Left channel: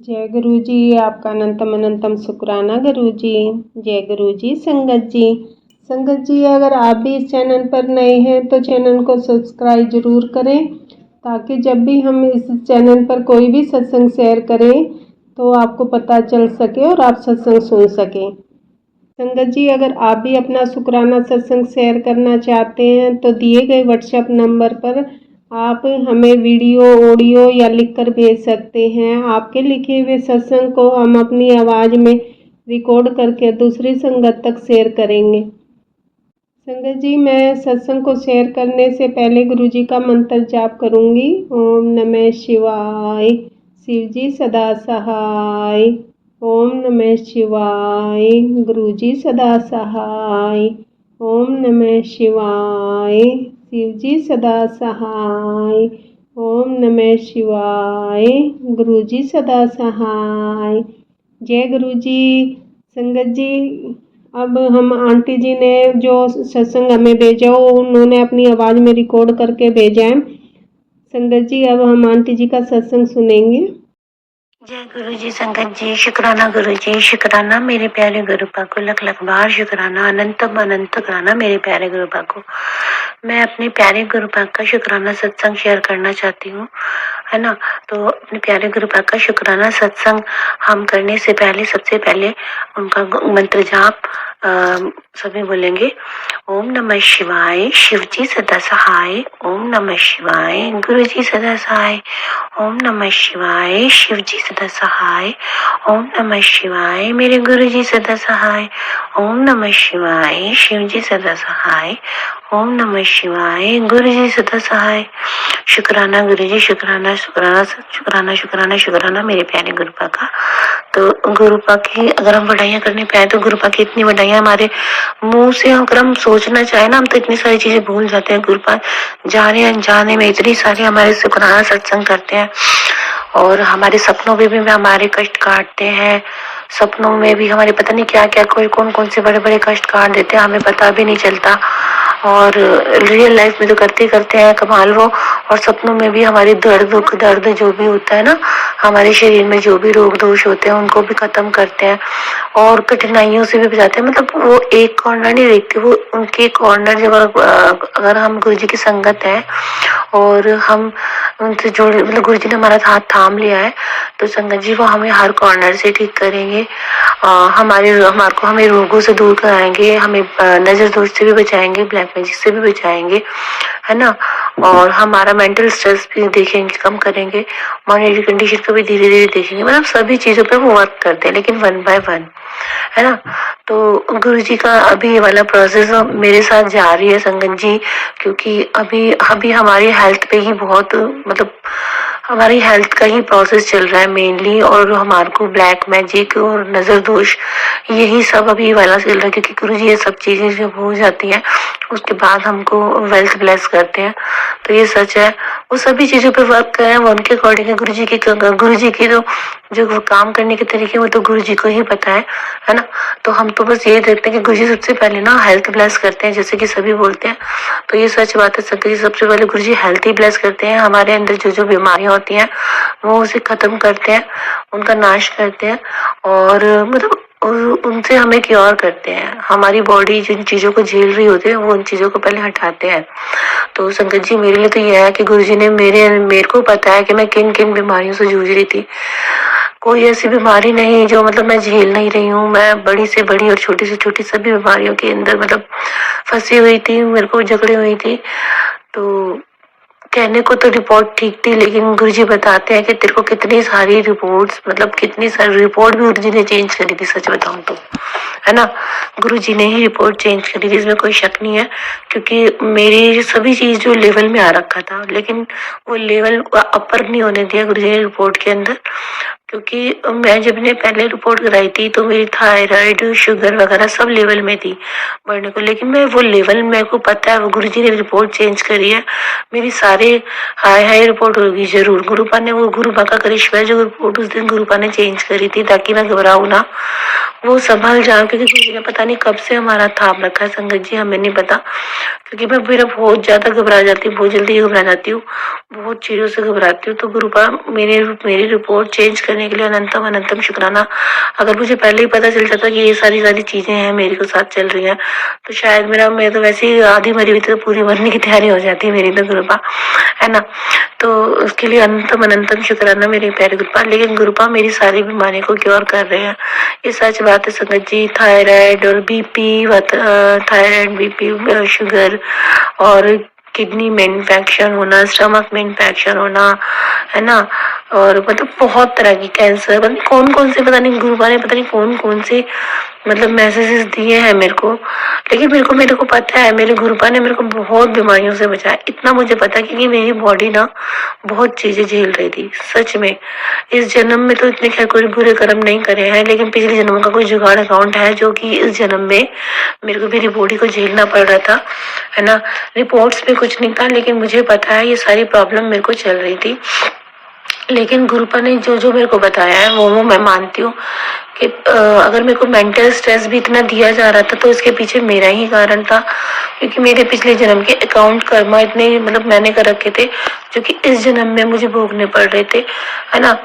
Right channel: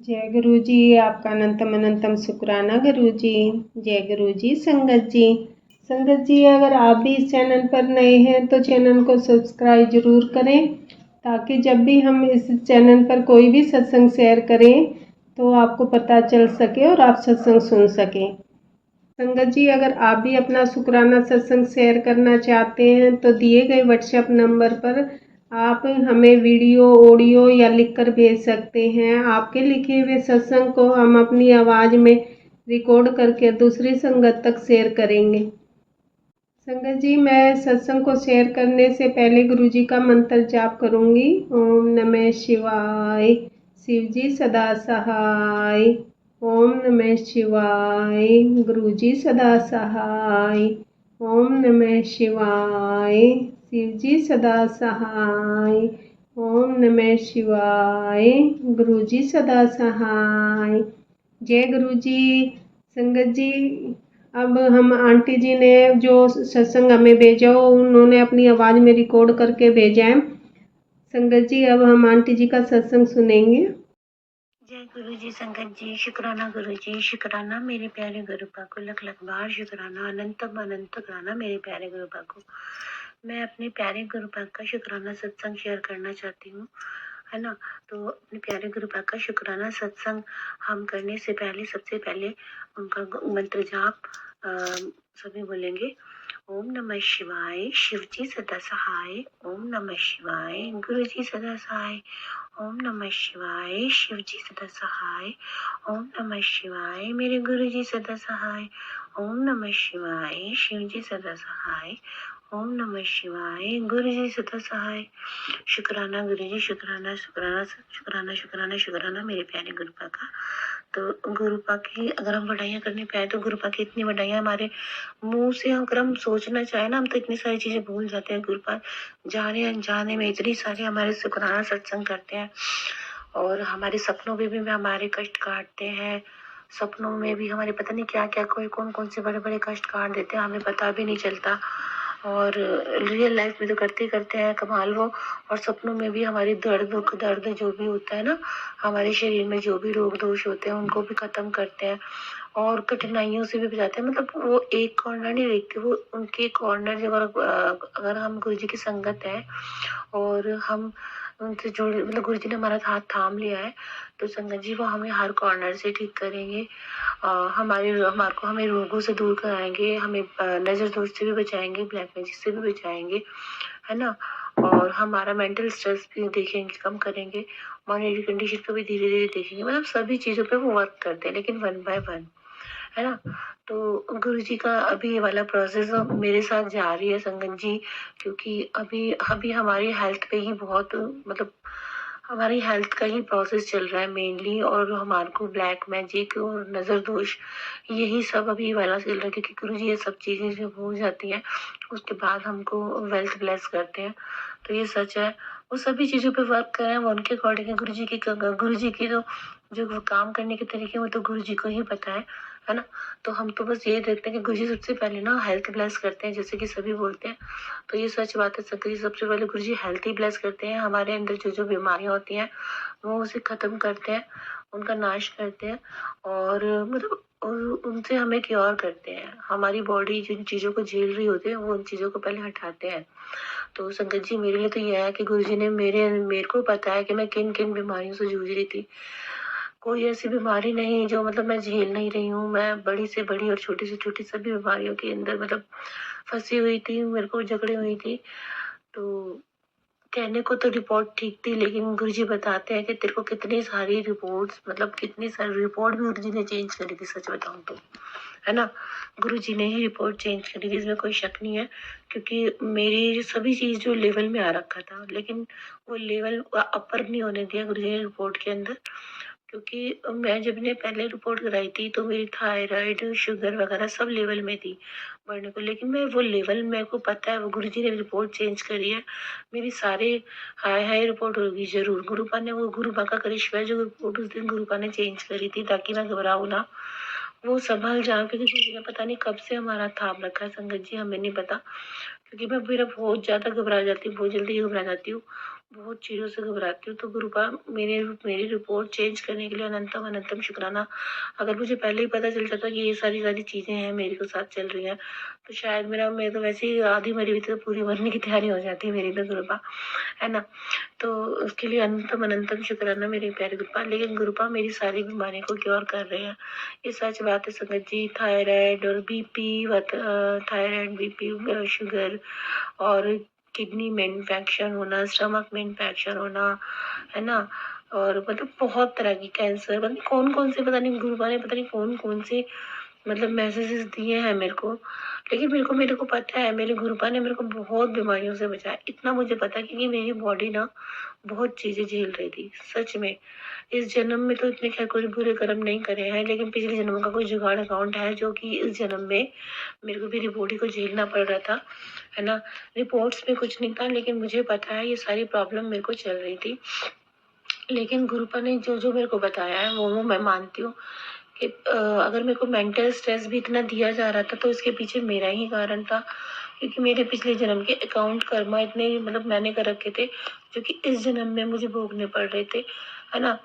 जय गुरु जी। आपका अनंतम अनंतम शुक्राना गुरु जी। जय गुरु जी। संगत जी अगर आप भी इस चैनल पर नए हैं तो चैनल को सब्सक्राइब जरूर करें, ताकि जब भी हम इस चैनल पर कोई भी सत्संग शेयर करें तो आपको पता चल सके और आप सत्संग सुन सकें। संगत जी अगर आप भी अपना शुक्राना सत्संग शेयर करना चाहते हैं तो दिए गए व्हाट्सएप नंबर पर आप हमें वीडियो, ऑडियो या लिखकर भेज सकते हैं। आपके लिखे हुए सत्संग को हम अपनी आवाज़ में रिकॉर्ड करके दूसरी संगत तक शेयर करेंगे। संगत जी मैं सत्संग को शेयर करने से पहले गुरु जी का मंत्र जाप करूंगी। ओम नमः शिवाय, शिव जी सदा सहाय। ओम नमः शिवाय, गुरु जी सदा सहाय। ओम नमः शिवाय, शिव जी सदा सहाय। ओम नमः शिवाय, गुरु जी सदा सहाय। जय गुरु जी। संगत जी अब हम आंटी जी ने जो सत्संग हमें भेजा हो उन्होंने अपनी आवाज़ में रिकॉर्ड करके भेजा है। संगत जी अब हम आंटी जी का सत्संग सुनेंगे। जय गुरु जी। संगत जी शुक्राना गुरु जी, शुक्राना मेरे प्यारे गुरु पाक को, लख लख बार शुक्राना, अनंतम अनंत शुक्राना मेरे प्यारे गुरु पाक को। मैं अपने प्यारे गुरु पाक का शुक्राना सत्संग शेयर करना चाहती हूँ, है ना। तो अपने प्यारे गुरु पाक का शुक्राना सत्संग हम करने से पहले सबसे पहले उनका मंत्र जाप सभी बोलेंगे। ओम नमः शिवाय, शिव जी सदा सहाय। ओम नमः शिवाय, गुरु जी सदा सहाय। ओम नमः शिवाय, शिव जी सदा सहाय। ओम नमः शिवाय, मेरे गुरु जी सदा सहाय। ओम नमः शिवाय, शिव जी सदा सहाय। ओम नमः शिवाय, गुरु जी सदा सहाय। शुक्राना गुरु जी, शुक्राना शुक्राना शुक्राना शुक्राना शुक्राना मेरे प्यारे गुरु पाक का। तो गुरु पाक की अगर हम बढ़ाइयाँ करने पाए तो गुरु पाक की इतनी बढ़ाइयाँ हमारे मुंह से अगर हम सोचना चाहे ना, हम तो इतनी सारी चीजें भूल जाते हैं। गुरु पाक जाने अनजाने में इतनी सारी हमारे शुक्राना सत्संग करते हैं और हमारे सपनों में भी हमारे कष्ट काटते हैं। सपनों में भी हमारे पता नहीं क्या क्या कोई कौन कौन से बड़े बड़े कष्ट काट देते हैं, हमें पता भी नहीं चलता। और रियल लाइफ में तो करते करते हैं कमाल वो। और सपनों में भी हमारे दुख दर्द जो भी होता है ना, हमारे शरीर में जो भी रोग दोष होते हैं उनको भी खत्म करते हैं और कठिनाइयों से भी बचाते हैं। मतलब वो एक कॉर्नर नहीं देखते, वो उनके कॉर्नर जब अगर हम गुरु जी की संगत है और हम उनसे जुड़े, मतलब गुरु जी ने हमारा हाथ थाम लिया है तो संगत जी वो हमें हर कॉर्नर से ठीक करेंगे। हमें रोगों से दूर कराएंगे, हमें नजर दोष से भी बचाएंगे, ब्लैक मैजिक से भी बचाएंगे, है ना। और हमारा मेंटल स्ट्रेस भी देखेंगे, कम करेंगे, मॉनिटरी कंडीशन को भी धीरे धीरे देखेंगे। मतलब सभी चीजों पे वो वर्क करते हैं, लेकिन वन बाय वन, है ना। तो गुरु जी का अभी ये वाला प्रोसेस मेरे साथ जारी है संगत जी, क्योंकि अभी अभी हमारी हेल्थ पे ही बहुत, मतलब हमारी हेल्थ का ही प्रोसेस चल रहा है मेनली। और हमारे को ब्लैक मैजिक और नजर दोष यही सब अभी वाला चल रहा है, क्योंकि गुरु जी ये सब चीजें जब हो जाती हैं उसके बाद हमको वेल्थ ब्लेस करते हैं। तो ये सच है, वो सभी चीजों पे वर्क कर रहे हैं, वो उनके अकॉर्डिंग है। गुरु जी की तो जो वो काम करने के तरीके वो तो गुरु जी को ही पता है ना। तो हम तो बस ये देखते हैं कि गुरु जी सबसे पहले ना हेल्थ ब्लेस करते हैं, जैसे कि सभी बोलते हैं। तो ये सच बात है संगत जी, सबसे पहले गुरु जी हेल्थ ही ब्लेस करते हैं। हमारे अंदर जो जो बीमारियां होती हैं वो उसे खत्म करते हैं, उनका नाश करते हैं और मतलब उनसे हमें क्योर करते हैं। हमारी बॉडी जिन चीजों को झेल रही होती है वो उन चीजों को पहले हटाते हैं। तो संगत जी मेरे लिए तो यह है कि गुरु जी ने मेरे को पता है कि मैं किन किन बीमारियों से जूझ रही थी। कोई ऐसी बीमारी नहीं जो मतलब मैं झेल नहीं रही हूँ। मैं बड़ी से बड़ी और छोटी से छोटी सभी बीमारियों के अंदर मतलब फंसी हुई थी, मेरे को जकड़ी हुई थी। तो कहने को तो रिपोर्ट ठीक थी, लेकिन गुरुजी बताते हैं कि तेरे को कितनी सारी रिपोर्ट्स, मतलब कितनी सारी रिपोर्ट भी गुरुजी ने चेंज करी थी, सच बताऊं तो, है ना। गुरुजी ने ही रिपोर्ट चेंज करी थी, इसमें कोई शक नहीं है। क्योंकि मेरी सभी चीज जो लेवल में आ रखा था, लेकिन वो लेवल अपर नहीं होने दिया गुरुजी ने रिपोर्ट के अंदर। क्योंकि मैं जब ने पहले रिपोर्ट कराई थी तो मेरी थायराइड, शुगर वगैरह सब लेवल में थी बढ़ने को, लेकिन मैं वो लेवल मेरे को पता है, वो गुरुजी ने रिपोर्ट चेंज करी है। मेरी सारे हाई हाई रिपोर्ट होगी जरूर। गुरुपा ने वो गुरुपा का करिश्मा है जो रिपोर्ट उस दिन गुरुपा ने चेंज करी थी, ताकि मैं घबराऊं ना। वो संभल जाओ, क्योंकि गुरुजी ने पता नहीं कब से हमारा थाम रखा है संगत जी, हमें नहीं पता। क्योंकि मैं मेरा बहुत ज्यादा घबरा जाती हूँ, बहुत जल्दी घबरा जाती हूँ, बहुत चीजों से घबराती हूँ। तो गुरुपा मेरी रिपोर्ट चेंज करने के लिए अनंतम अनंतम शुक्राना। अगर मुझे पहले ही पता चल जाता कि ये सारी सारी चीजें हैं मेरे को साथ चल रही हैं, तो शायद मैं तो वैसे ही आधी मरी हुई थी, तो पूरी मरने की तैयारी हो जाती है मेरी तो गुरुपा, है ना। तो उसके लिए अनंतम अनंतम शुक्राना मेरे प्यारे गुरुपा। लेकिन गुरुपा मेरी सारी बीमारी को क्योर कर रहे हैं, ये सच बात है संगत जी। थायराइड और बीपी, थायराइड, बीपी, शुगर और किडनी में इन्फेक्शन होना, स्टमक में इन्फेक्शन होना, है ना। और मतलब बहुत तरह की कैंसर, मतलब कौन कौन से, पता नहीं गुरुपा ने पता नहीं कौन कौन से मतलब मैसेजेस दिए हैं मेरे को। लेकिन मेरे को पता है मेरे गुरुपा ने मेरे को बहुत बीमारियों से बचाया, इतना मुझे पता है, क्योंकि मेरी बॉडी ना बहुत चीजें झेल रही थी सच में। इस जन्म में तो इतने खैर कोई बुरे कर्म नहीं करे हैं, लेकिन पिछले जन्म का कोई जुगाड़ अकाउंट है, जो कि इस जन्म में मेरे को मेरी बॉडी को झेलना पड़ रहा था, है ना। रिपोर्ट्स में कुछ नहीं था, लेकिन मुझे पता है ये सारी प्रॉब्लम मेरे को चल रही थी। लेकिन गुरुपा ने जो जो मेरे को बताया है वो मैं मानती हूँ कि अगर मेरे को मेंटल स्ट्रेस भी इतना दिया जा रहा था, तो इसके पीछे मेरा ही कारण था, क्योंकि मेरे पिछले जन्म के अकाउंट कर्मा इतने मतलब मैंने कर रखे थे, जो कि इस जन्म में मुझे भोगने पड़ रहे थे, है ना।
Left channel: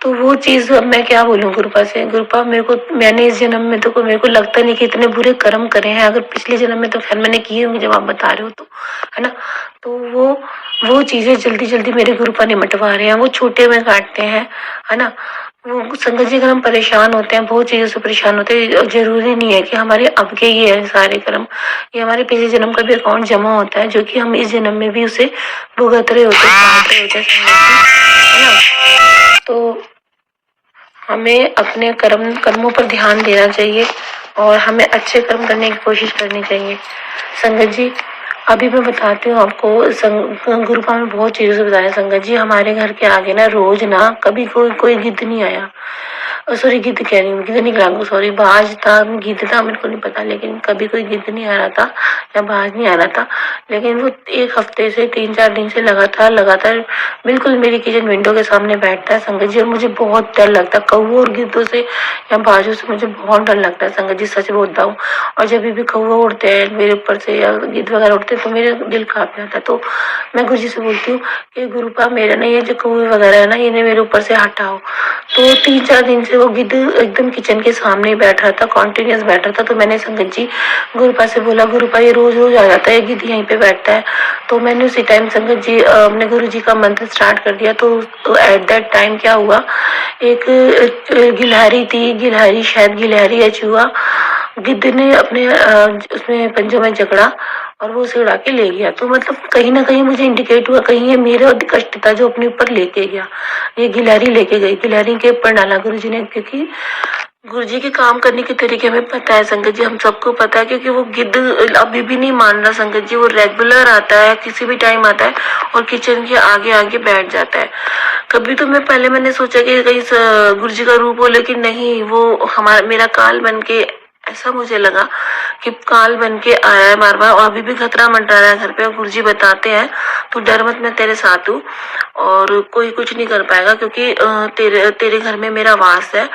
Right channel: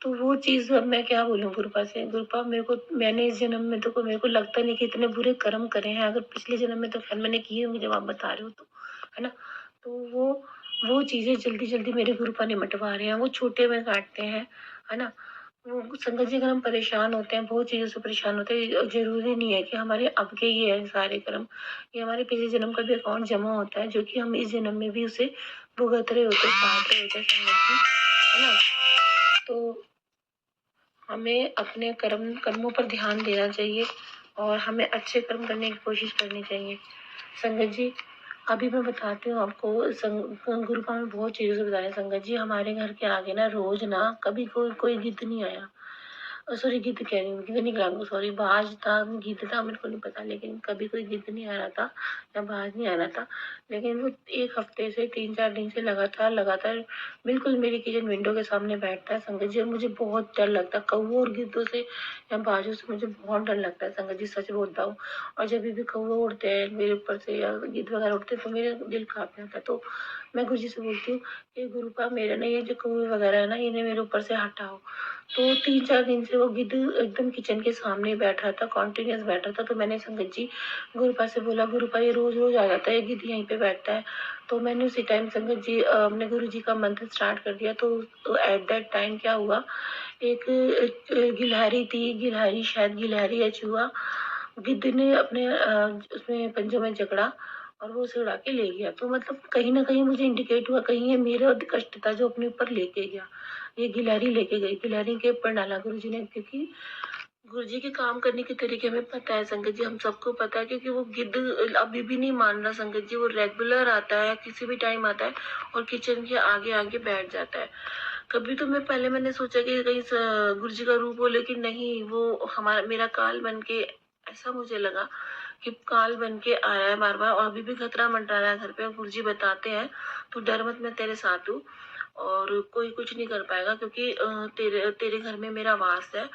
तो वो चीज अब मैं क्या बोलूँ गुरुपा से। गुरुपा मैंने इस जन्म में तो मेरे को लगता नहीं कि इतने बुरे कर्म करे हैं। अगर पिछले जन्म में तो खैर मैंने किए होंगे, जब आप बता रहे हो तो, है ना। तो वो चीजें जल्दी जल्दी मेरे गुरुपा निमटवा रहे हैं, वो छोटे में काटते हैं, है ना। वो संगत जी, अगर हम परेशान होते हैं, बहुत चीजों से परेशान होते हैं, जरूरी नहीं है कि हमारे अब के ये है सारे कर्म, ये हमारे पिछले जन्म का भी अकाउंट जमा होता है, जो कि हम इस जन्म में भी उसे भुगत रहे होते हैं, है ना। तो हमें अपने कर्मों पर ध्यान देना चाहिए और हमें अच्छे कर्म करने की कोशिश करनी चाहिए संगत जी। अभी मैं बताती हूँ आपको, गुरुपा में बहुत चीज़ों से बताया संगत जी। हमारे घर के आगे ना रोज ना कभी कोई गिद्ध नहीं आया, सॉरी गिद्ध कह रही हूँ, गिद्ध नहीं कह, सॉरी बाज था, गिद्ध था मेरे को नहीं पता, लेकिन कभी कोई गिद्ध नहीं आ रहा था या बाज नहीं आ रहा था। लेकिन वो 1 हफ्ते से 3-4 दिन से लगातार बिल्कुल मेरी किचन विंडो के सामने बैठता है संगत जी, और मुझे बहुत डर लगता है कौवों और गिद्धों से या बाजों से, मुझे बहुत डर लगता है संगत जी, सच बोलता हूँ। और जब भी कौवा उड़ते हैं मेरे ऊपर से या गिद्ध वगैरह उड़ते हैं, तो मेरा दिल कांप जाता है। तो मैं गुरुजी से बोलती हूँ कि गुरुपा मेरा ना ये जो कौवे वगैरह है ना, इन्हें मेरे ऊपर से हटाओ। तो 3-4 दिन से वो गिद्ध एकदम किचन के सामने ही बैठ रहा था, कॉन्टिन्यूस बैठ रहा था। तो मैंने संगत जी गुरुपा से बोला, गुरुपा ये रोज रोज आ जाता है, गिद्ध यहीं पे बैठता है। तो मैंने उसी टाइम संगत जी अपने गुरु जी का मंत्र स्टार्ट कर दिया। तो एट दैट टाइम क्या हुआ, एक गिलहरी थी, शायद गिलहरी या चूहा, गिद्ध ने अपने उसमें पंजों में जकड़ा और वो उसे उड़ा के ले गया। तो मतलब कहीं ना कहीं मुझे इंडिकेट हुआ, कहीं ये मेरा कष्ट था जो अपने ऊपर लेके गया, ये गिलहरी लेके गई, गिलहरी के ऊपर डाला गुरु जी ने। क्योंकि गुरु जी के काम करने के तरीके हमें पता है संगत जी, हम सबको पता है, क्योंकि वो गिद्ध अभी भी नहीं मान रहा संगत जी, वो रेगुलर आता है, किसी भी टाइम आता है और किचन के आगे आगे बैठ जाता है। कभी तो मैंने सोचा कि कहीं गुरु जी का रूप हो, लेकिन नहीं, वो मेरा काल बन के, ऐसा मुझे लगा कि काल बन के आया है बार बार, और अभी भी खतरा मंडरा रहा है घर पे। और गुरु जी बताते हैं तू डर मत, मैं तेरे साथ हूँ और कोई कुछ नहीं कर पाएगा, क्योंकि तेरे घर में मेरा वास है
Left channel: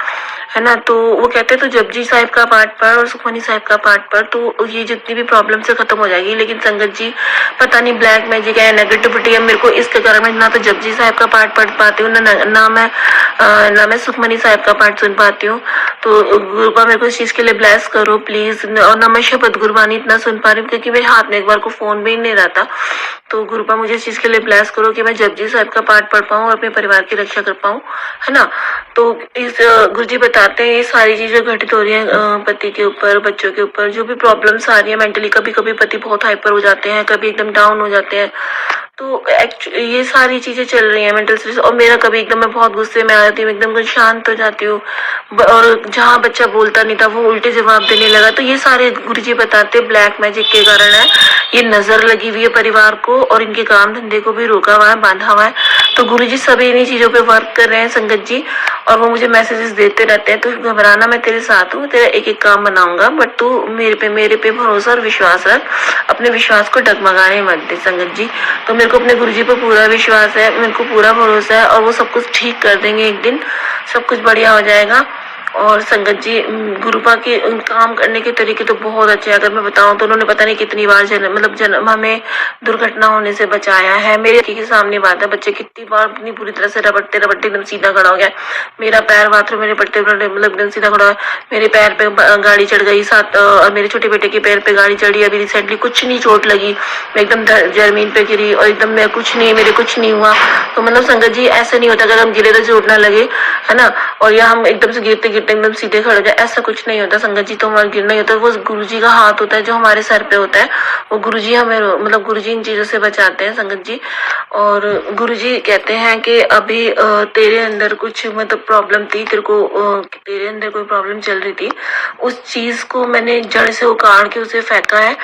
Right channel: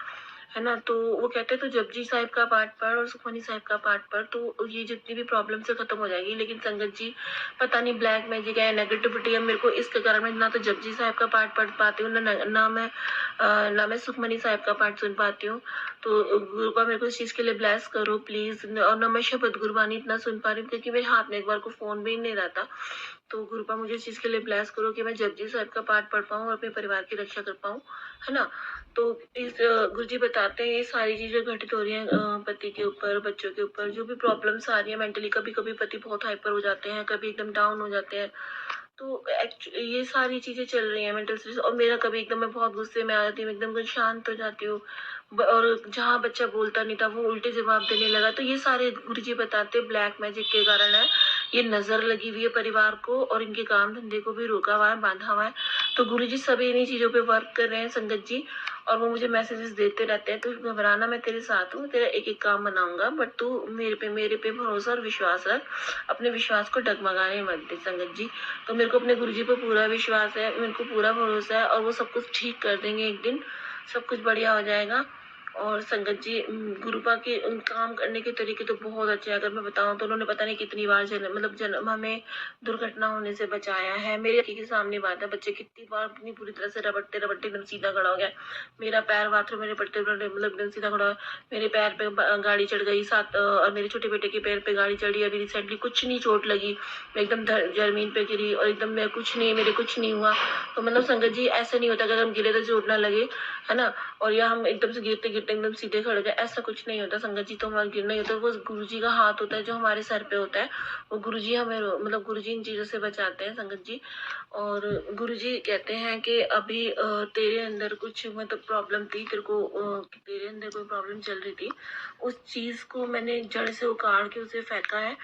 ना। तो वो कहते हैं तो जपजी साहिब का पाठ पढ़ और सुखमनी साहिब का पाठ पढ़, तो ये जितनी भी प्रॉब्लम से खत्म हो जाएगी। लेकिन संगत जी पता नहीं ब्लैक मैजिक है, नेगेटिविटी है, मेरे को इसके कारण मैं ना तो जपजी साहिब का पाठ पढ़ पाती हूँ, ना मैं सुखमनी साहिब का पाठ सुन पाती हूँ। तो गुरुपा मेरे को इस चीज के लिए ब्लेस करो प्लीज। और ना मैं शपथ गुरबानी इतना सुन पा रही हूँ, क्योंकि मेरे हाथ में एक बार को फोन भी नहीं रहता। तो गुरुपा मुझे इस चीज के लिए ब्लेस करो कि मैं जपजी साहिब का पाठ पढ़ पाऊँ और अपने परिवार की रक्षा कर पाऊँ, है ना। तो इस गुरुजी बताते हैं ये सारी चीजें घटित हो रही हैं पति के ऊपर, बच्चों के ऊपर, जो भी प्रॉब्लम्स आ रही है मेंटली, कभी कभी पति बहुत हाइपर हो जाते हैं, कभी एकदम डाउन हो जाते हैं। तो ये सारी चीजें चल रही हैं मेंटल स्ट्रेस। और मेरा कभी एकदम मैं बहुत गुस्से में आ जाती हूँ, एकदम कुछ शांत हो जाती हूँ, और जहाँ बच्चा बोलता नहीं था वो उल्टे जवाब देने लगा। तो ये सारे गुरुजी बताते ब्लैक मैजिक के कारण है, ये नजर लगी हुई है परिवार को और इनके काम धंधे को भी रोका हुआ है, बांधा हुआ है। तो गुरुजी सभी इन्हीं चीजों पे वर्क कर रहे हैं संगत जी, और वो मुझे मैसेजेस देते रहते हैं। तो घबराना, मैं तेरे साथ हूँ, तेरा एक एक काम बनाऊंगा, बट तू मेरे पे भरोसा और विश्वास रख, अपने विश्वास को डगमगाने मत दे संगत जी। तो मेरे को अपने गुरुजी पे पूरा विश्वास है, मेरे को पूरा भरोसा है, और वो सब कुछ ठीक कर देंगे, एक दिन सब कुछ बढ़िया हो जाएगा। और संगत जी गुरुपा के काम करने के तरीके तो बहुत अच्छे हैं। अगर मैं बताऊं तो उन्होंने पता नहीं कितनी बार जन्म हमें दुर्घटना होने से बचाया है। मेरे आँखों के सामने बात है, बच्चे कितनी बार इतनी बुरी तरह से रबड़ते रबड़ते एकदम सीधा खड़ा हो गया। मेरा पैर बाथरूम में रबड़ते मतलब एकदम सीधा खड़ा है। मेरे पैर पे गाड़ी चढ़ गई, साथ मेरे छोटे बेटे के पैर पे गाड़ी चढ़ी। अभी रिसेंटली कुछ नहीं चोट लगी, मैं एकदम जमीन पे गिरी और एकदम मैं कुछ नहीं, मेरे कुछ नहीं हुआ। तो मतलब संगत जी ऐसा नहीं होता अगर हम गिरे तो चोट ना लगे, है ना, और या हम एकदम से गिरते गिरते एकदम सीधे खड़े हो जाए, ऐसा कुछ नहीं होता संगत जी। तो हमारा गिरना ही होता है, वो गुरुजी का हाथ होता है जो हमारे सर पे होता है। वो गुरुजी हमें मतलब गुरुजी इन चीजों से बचाते हैं संगत जी। और गुरुजी कहते हैं कि अभी तेरे अंदर कुछ मतलब प्रॉब्लम थी, तेरे अंदर कोई प्रॉब्लम चल रही थी, उस चीज को मैंने जड़ से उखाड़ के उसे फेंका है।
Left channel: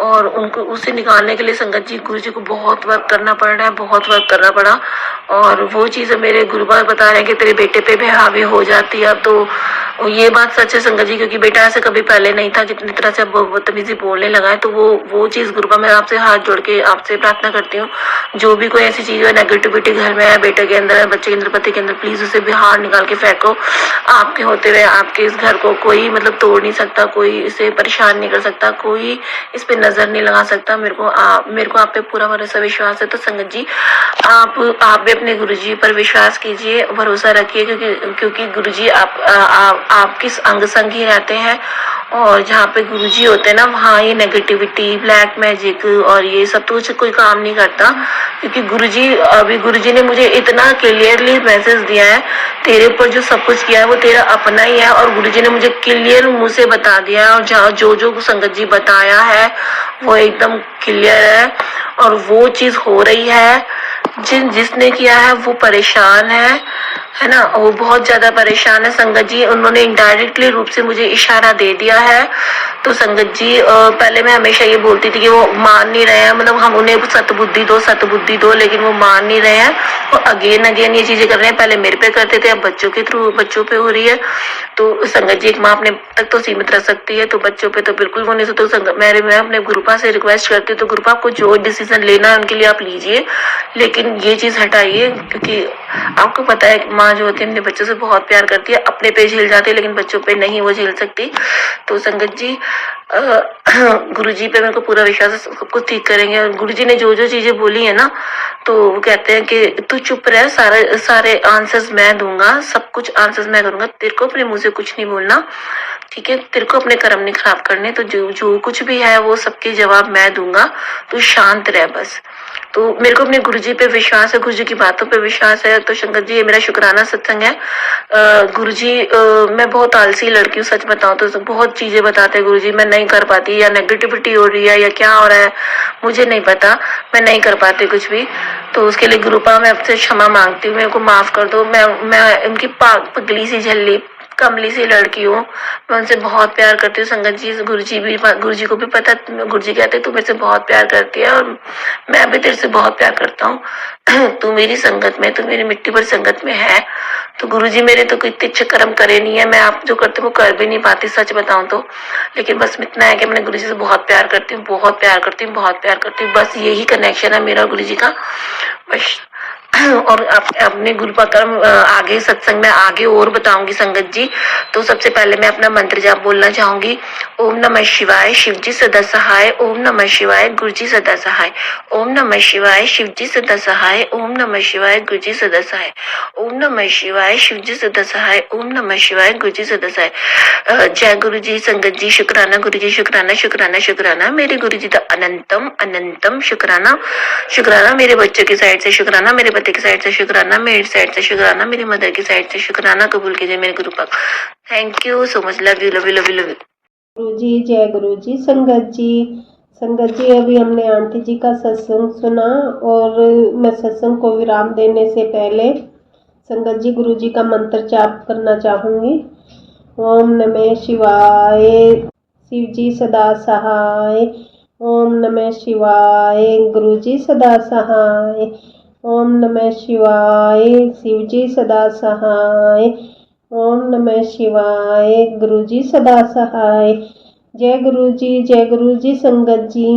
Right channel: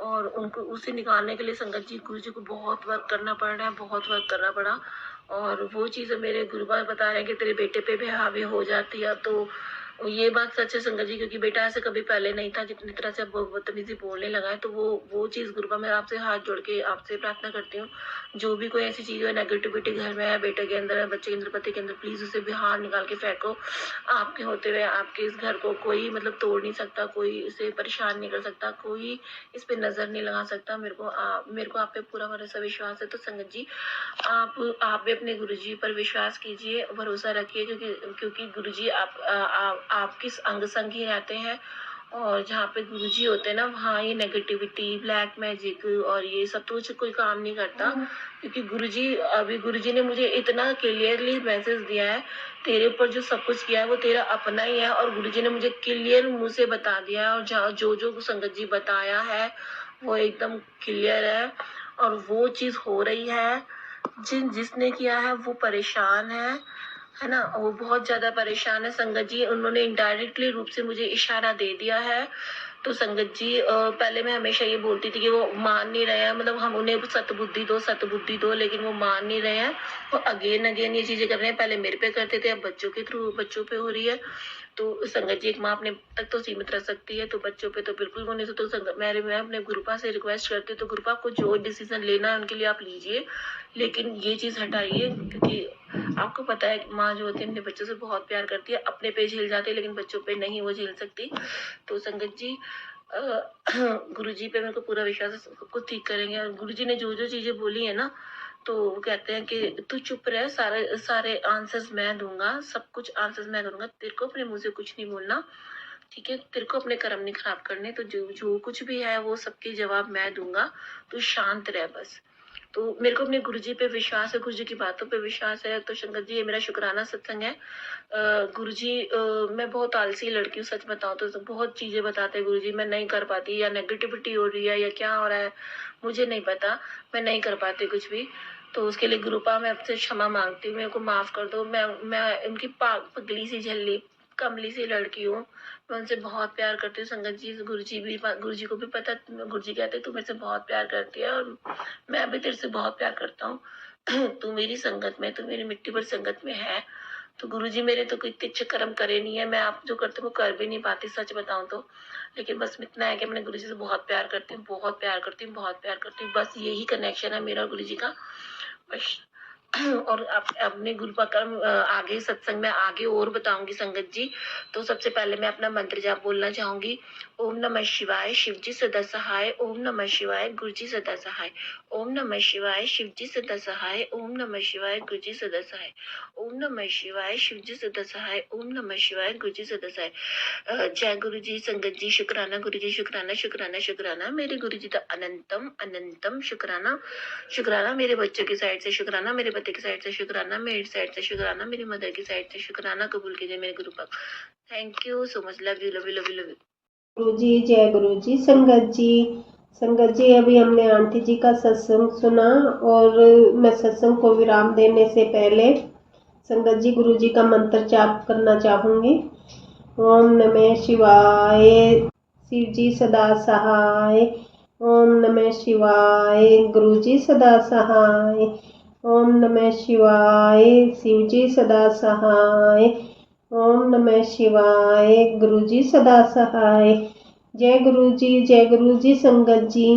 और उनको उसे निकालने के लिए संगत जी गुरुजी को बहुत वर्क करना पड़ रहा है, बहुत वर्क करना पड़ा। और वो चीज़ मेरे गुरुबार बता रहे हैं कि तेरे बेटे पे भी हावी हो जाती है। अब तो ये बात सच है संगत जी, क्योंकि बेटा ऐसे कभी पहले नहीं था, जितनी तरह से अब बदतमीजी बोलने लगा है। तो वो चीज़ गुरुबा मैं आपसे हाथ जोड़ के आपसे प्रार्थना करती हूँ, जो भी कोई ऐसी चीज़ है नेगेटिविटी घर में है, बेटे के अंदर है, बच्चे के अंदर, पति के अंदर, प्लीज उसे बाहर निकाल के फेंको। आपके होते हुए आपके इस घर को कोई मतलब तोड़ नहीं सकता, कोई इसे परेशान नहीं कर सकता, कोई इस पे नजर नहीं लगा सकता। मेरे को आप पे पूरा भरोसा विश्वास है। तो संगत जी आप भी अपने गुरुजी पर विश्वास कीजिए, भरोसा रखिए, क्योंकि गुरुजी आप किस अंग संग ही रहते हैं। और जहाँ पे गुरुजी होते हैं ना, वहाँ ये नेगेटिविटी, ब्लैक मैजिक और ये सब तो कोई काम नहीं करता। क्योंकि गुरुजी ने मुझे इतना क्लियरली मैसेज दिया है, तेरे ऊपर जो सब कुछ किया है वो तेरा अपना ही है। और गुरुजी ने मुझे क्लियर मुंह से बता दिया है, और जहाँ जो संगत जी बताया है वो एकदम क्लियर है, और वो चीज हो रही है। जिसने किया है वो परेशान है ना, वो बहुत ज्यादा परेशान है संगत जी। उन्होंने इनडायरेक्टली रूप से मुझे इशारा दे दिया है। तो संगत जी पहले मैं हमेशा ये बोलती थी कि वो मान नहीं रहे हैं, मतलब हम उन्हें सतबुद्धि दो, लेकिन वो मान नहीं रहे हैं। वो अगेन ये चीजें कर रहे हैं। पहले मेरे पे करते थे, अब बच्चों के थ्रू बच्चों पे हो रही है। तो संगत जी एक माँ अपने तक तो सीमित रह सकती है, तो बच्चों पे तो बिल्कुल वो नहीं सकते। तो मैं अपने गुरुपा से रिक्वेस्ट करती हूँ, तो गुरुपा आपको जो डिसीजन लेना है उनके लिए आप लीजिए, लेकिन ये चीज हटाइए। क्योंकि आपको पता है माँ जो होती है अपने बच्चों से बहुत प्यार करती है, अपने पे झेल जाती है लेकिन बच्चों पे नहीं वो झेल सकती। तो संगत जी गुरुजी पे मेरे को पूरा विश्वास है, सब कुछ ठीक करेंगे। और गुरुजी ने जो चीजें बोली है ना, तो वो कहते हैं कि तू चुप रह, सारे आंसर्स मैं दूंगा, सब कुछ आंसर्स मैं करूंगा, तेरे को अपने मुंह से कुछ नहीं बोलना, ठीक है, तेरे को अपने कर्म नहीं खराब करने। तो जो कुछ भी है वो सबके जवाब मैं दूंगा, तू शांत रह बस। तो मेरे को अपने गुरुजी पे विश्वास है, गुरुजी की बातों पे विश्वास है। तो शंकर जी ये मेरा शुक्राना सत्संग है। गुरुजी मैं बहुत आलसी लड़की हूँ, सच बताऊँ तो बहुत चीजें बताते हैं गुरुजी, मैं नहीं कर पाती, या नेगेटिविटी हो रही है या क्या हो रहा है मुझे नहीं पता, मैं नहीं कर पाती कुछ भी। तो उसके लिए गुरुपा मैं आपसे क्षमा मांगती हूँ, मेरे को माफ कर दो। मैं उनकी पगली सी झल्ली कमली सी लड़की हूँ, मैं उनसे बहुत प्यार करती हूँ संगत जी। गुरुजी को भी पता, गुरुजी कहते तू मेरे से बहुत प्यार करती है, और मैं भी तेरे से बहुत प्यार करता हूँ। तू मेरी संगत में, तू मेरी मिट्टी पर संगत में है। तो गुरुजी मेरे तो कोई अच्छे कर्म करे नहीं है, मैं आप जो करते वो कर भी नहीं पाती सच बताऊं तो। लेकिन बस इतना है कि मैं गुरुजी से बहुत प्यार करती हूँ, बहुत प्यार करती हूँ, बहुत प्यार करती हूँ। बस यही कनेक्शन है मेरा गुरुजी का बस। और अपने गुरुपा कर्म आगे सत्संग में आगे और बताऊंगी संगत जी। तो सबसे पहले मैं अपना मंत्र जाप बोलना चाहूंगी। ओम नमः शिवाय, शिवजी सदा सहाय। ओम नमः शिवाय, गुरुजी सदा सहाय। ओम नमः शिवाय, शिवजी सदा सहाय। ओम नमः शिवाय, गुरुजी सदा सहाय। ओम नमः शिवाय, शिवजी सदा सहाय। ओम नमः शिवाय, गुरुजी सदा सहाय। जय गुरु जी संगत जी, शुक्राना गुरु जी, शुक्राना शुक्राना शुक्राना मेरे गुरु जी का अनंतम अनंतम शुक्राना। शुक्राना मेरे बच्चों की साइड से, शुक्राना मेरे पति की साइड से, शुक्राना मेरी साइड से, शुक्राना मेरी मदर की साइड से, शुक्राना कबूल कीजिए मेरे गुरु पाक। Thank you so much, love you love you love you love you. गुरु जी जय गुरु जी संगत जी। संगत जी अभी हमने आंटी जी का सत्संग सुना, और मैं सत्संग को विराम देने से पहले संगत जी गुरु जी का मंत्र जाप करना चाहूँगी। ओम नमः शिवाय, शिव जी सदा सहाय। ओम नमः शिवाय, गुरु जी सदा सहाय। ओम नमः शिवाय, शिव जी सदा सहाय। ओम नमः शिवाय, गुरु जी सदा सहाय। जय गुरु जी संगत जी।